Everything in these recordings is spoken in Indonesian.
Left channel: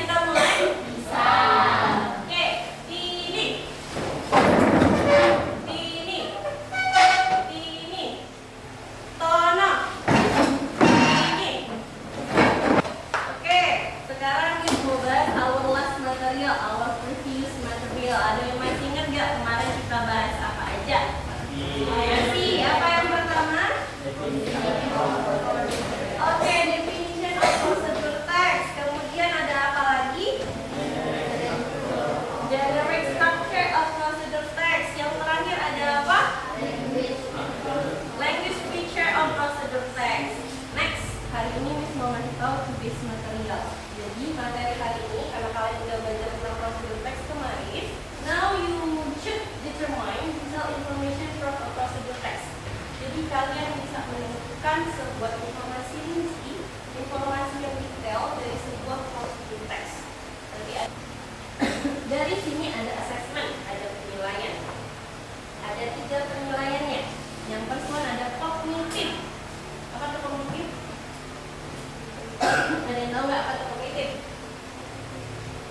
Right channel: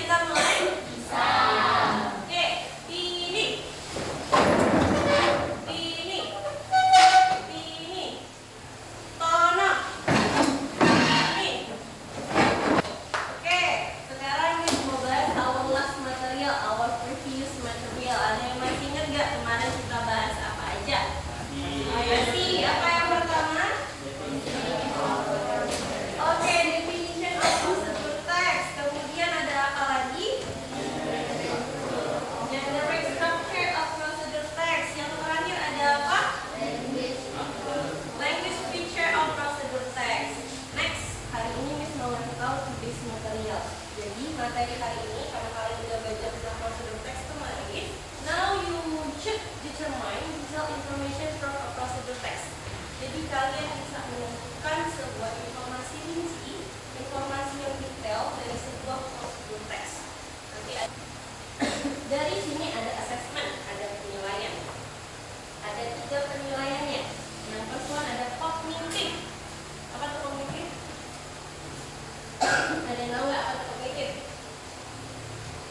kita mulai? Bisa. Oke, ini. Ini. Ini. Tono. Ini. Oke, sekarang kita mau bahas our last material, our previous material. Ada yang masih ingat nggak kemarin kita bahas apa aja? Masih. Apa yang pertama? Oke, definition of procedure text. Kemudian ada apa lagi? Generic structure of procedure text. Yang terakhir ada apa? Language feature of procedure text. Next, hari ini Miss mau ngasih tahu today's material. Jadi materi hari ini, karena kalian udah belajar tentang procedure text kemarin, now you should determine detailed information from a procedure text. Jadi kalian bisa menemukan sebuah informasi rinci, informasi yang detail dari sebuah procedure text. Nanti dari sini ada assessment, ada penilaian. Ada 3 penilaiannya. Yang pertama ada cognitive. Apa itu cognitive? Ada yang tahu nggak apa itu cognitive?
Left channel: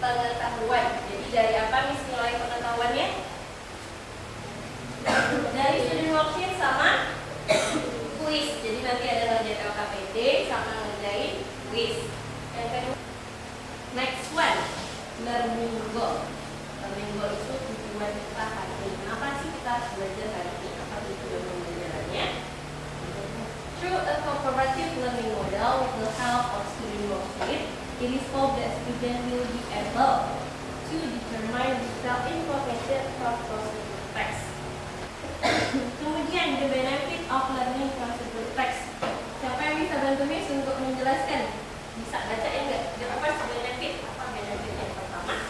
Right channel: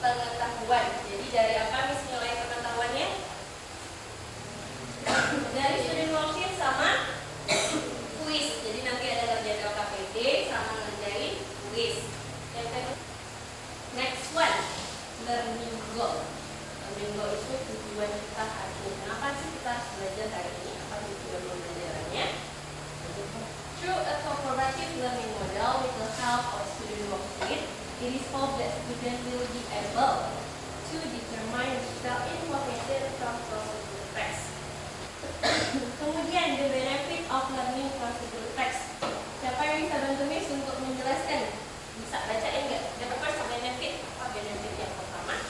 Pengetahuan. Jadi dari apa Miss nilai pengetahuannya? Dari student worksheet sama quiz. Jadi nanti ada ngerjain LKPD sama ngerjain quiz. Yang kedua, next one, learning goal. Learning goal itu tujuan kita hari ini. Kenapa sih kita harus belajar hari ini? Apa tujuan pembelajarannya? Through a cooperative learning model with the help of student worksheet, it is hoped that students will be able to determine detailed information from procedure text. Kemudian the benefit of learning procedure text. Siapa yang bisa bantu Miss untuk menjelaskan? Bisa bacain nggak? Apa sih benefit? Apa benefit yang pertama?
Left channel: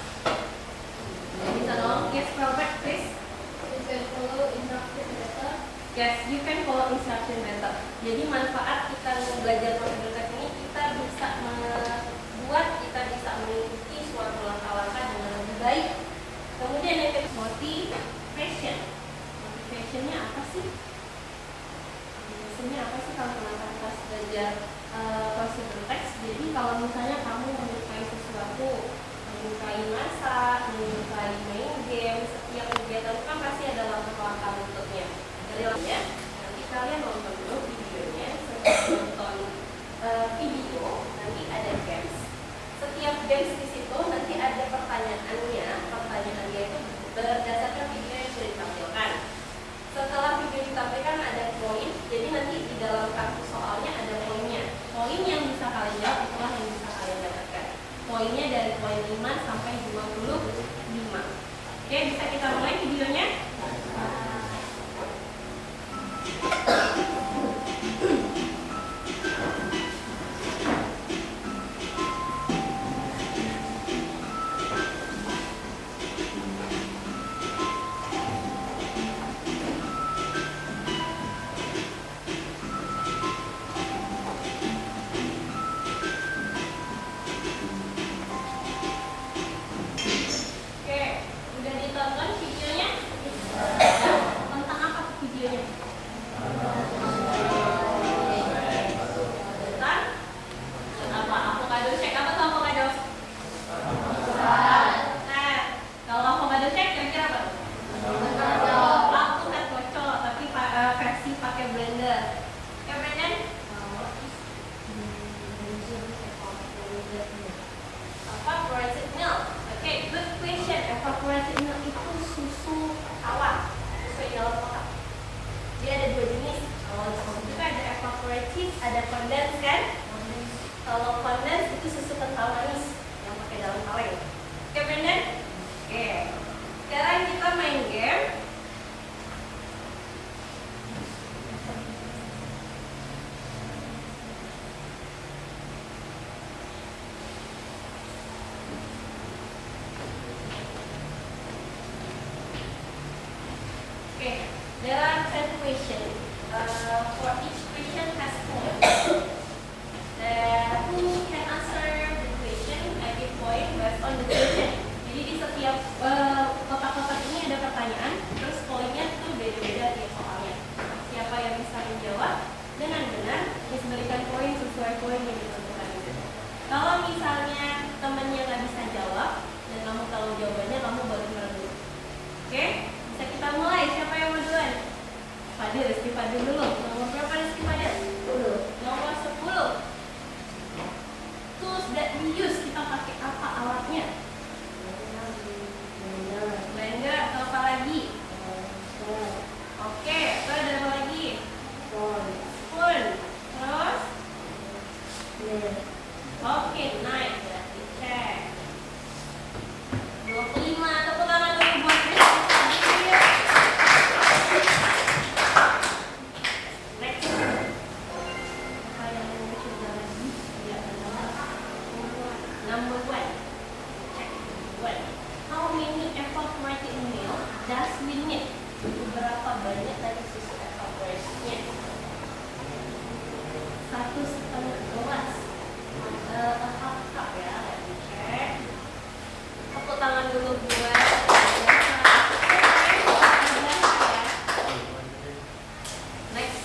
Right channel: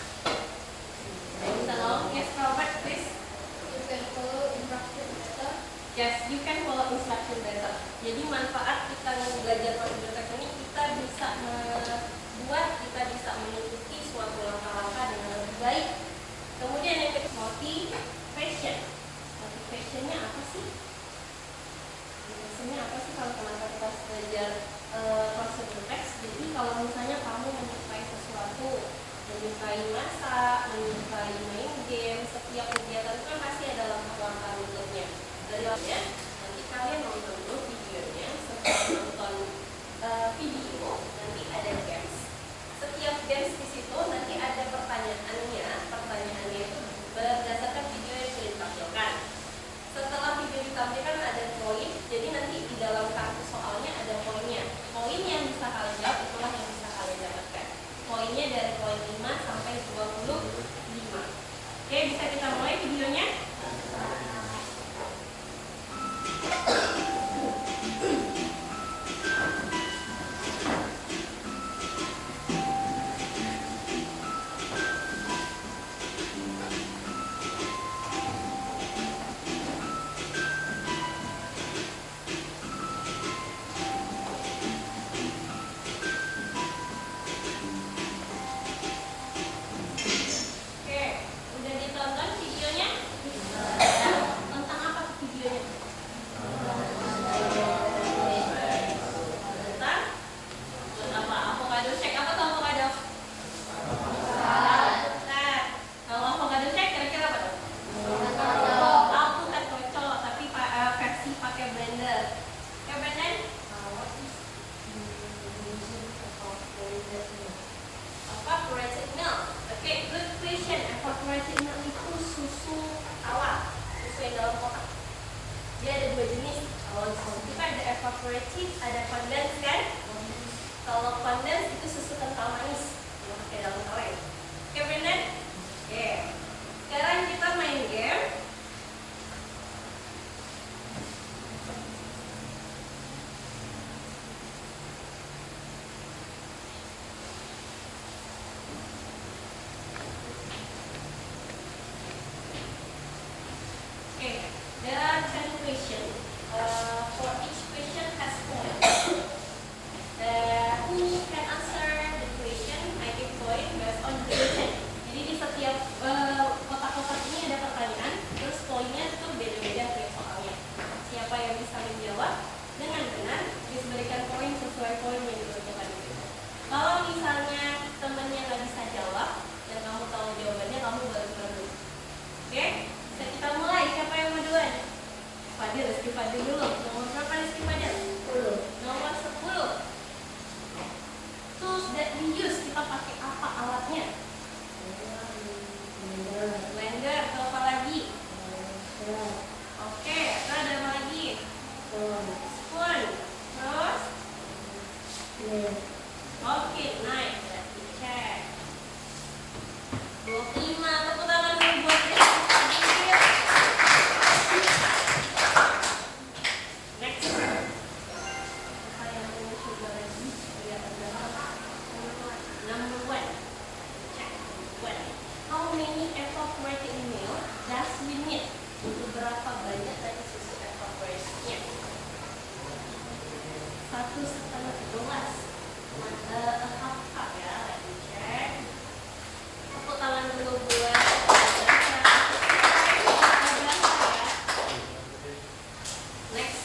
Bisa dong? Yes, Robert, please. You can follow instruction better. Yes, you can follow instruction better. Jadi manfaat kita belajar procedure text ini, kita bisa membuat, kita bisa mengikuti suatu langkah-langkah dengan lebih baik. Kemudian yang kedua, motivation. Motivationnya apa sih? Biasanya apa sih kalau kita belajar procedure text? Jadi kalau misalnya kamu menyukai sesuatu, menyukai masak, menyukai main game, setiap kegiatan itu kan pasti ada langkah-langkah untuknya. Dari ya, nanti kalian nonton dulu videonya, setelah nonton video, nanti ada games. Setiap games di situ nanti ada pertanyaannya. Pertanyaannya itu berdasarkan video yang sudah ditampilkan. Setelah video ditampilkan ada poin, jadi nanti di dalam kartu soalnya ada poinnya. Poin yang bisa kalian jawab itulah yang bisa kalian dapatkan. Poinnya dari poin 5 sampai 25. Oke, bisa kita mulai videonya? Oke, udah ditonton videonya? Tentang apa tuh videonya? Tentang apa? Avocado shake. Apa tuh avocado? Nah, kalau avocado shake kira-kira apa tuh? Aku kan kocok, tapi versi pakai blender. Oke, Brandon? Evaporated milk. Oke, good question. Evaporated milk itu susu tawar, susu yang dalam kotak. Dia ada 2 jenis. Kalau itu kan ada evaporated, ada condensed kan? Kalau condensed itu susu kental manis yang pakai dalam kaleng. Oke, Brandon? Oke. Sekarang kita main game. Okay, there are 10 questions. For each question has points. Who can answer the question? I give point based on the question. Jadi di setiap kotak-kotak ini ada pertanyaan, terus poinnya tuh beda-beda tiap soalnya. Siapa yang bisa menjawab dengan benar, diberikan poin sesuai poin yang ditentukan itu. Kalau misalnya temennya nggak bisa one. How many evaporated milk does we need? Berapa banyak tadi susu evaporasinya? 1,5 gelas. Half cup ya, let me check. Tepuk tangan dulu buat next.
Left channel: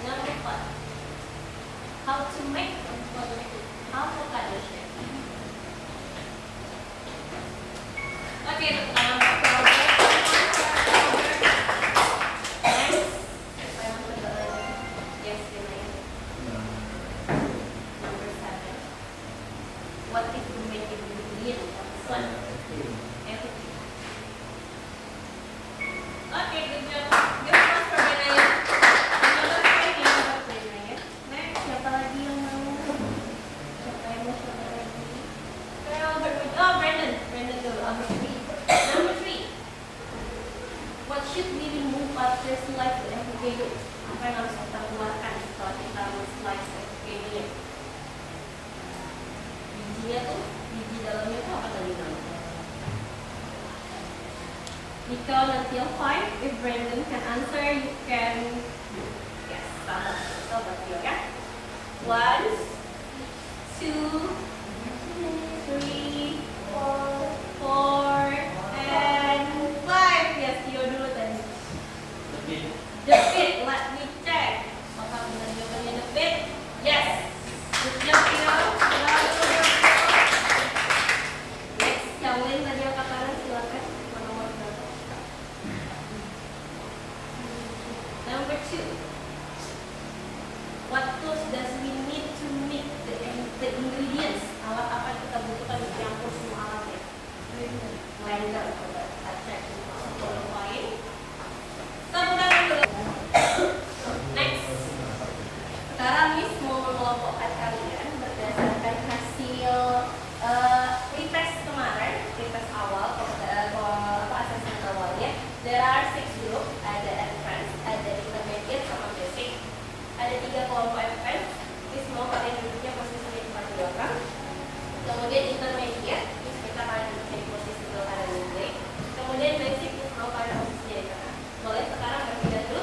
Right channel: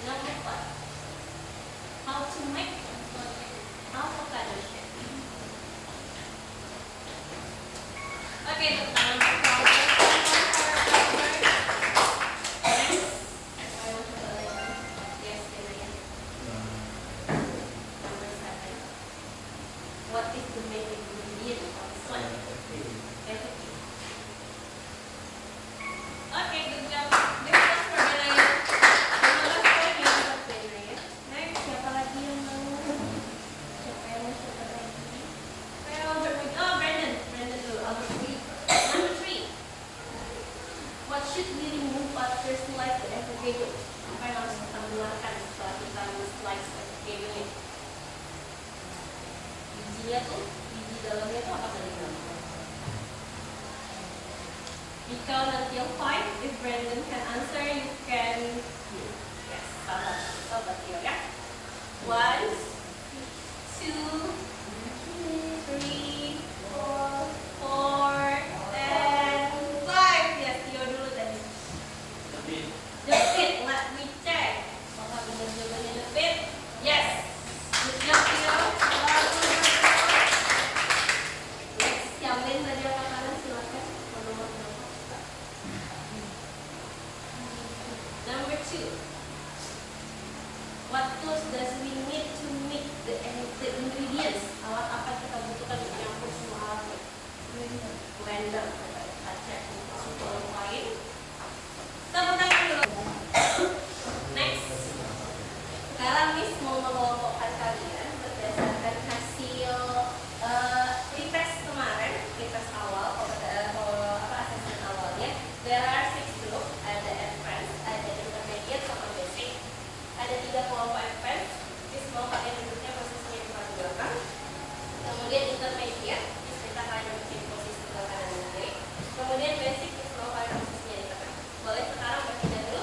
Number 5. How to make avocado shake. Oke, tepuk tangan untuk Albert. Next. Saya mau coba lagi. Yes, Kinaya. Number 7. What is the main ingredient of this one? Everything. Oke, good job. Give applause for Kinaya. Terima kasih ya buat Kinaya. Next, siapa lagi yang mau? Siapa yang mau coba lagi? Albert. Oh, Brandon. Brandon dulu. Albert dulu. Number 3. What should we remove after slice the avocado? Apa yang harus kita keluarkan setelah kita slice avocado-nya? Bijinya tuh, biji dalamnya tuh apa tadi namanya? We count until 5. If Brandon can answer, you can. Yes, sabar ya. 1, 2, 3, 4, and 5. Yes, Tio dulu tadi. The pit, let me check. Apakah benar jawabannya the pit? Yes. Good job, Tio. Next, yang lain tadi angkat tangan, silakan. Nomor berapa? Number 2. What tools does we need to mix the ingredients? Alat apa yang kita butuhkan untuk campur semua alatnya? Blender. Kita cek 10 poin. Tepuk tangan dulu. Next. Sekarang Miss mau mengelompokkan kalian berdasarkan hasil retest kemarin, retest awal, asesmen awalnya. There are 6 group, ada advanced, ada intermediate, sama basic. Ada 3 kelompok advance. Miss mau kalian duduknya posisinya di depan belakang. Kemudian intermediate, Miss minta kalian duduknya di posisi sebelah kanan dan kiri. Kemudian basic, Miss mau kalian posisinya di tengah. Boleh sekarang berpindah dulu.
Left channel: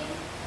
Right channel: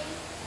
watching.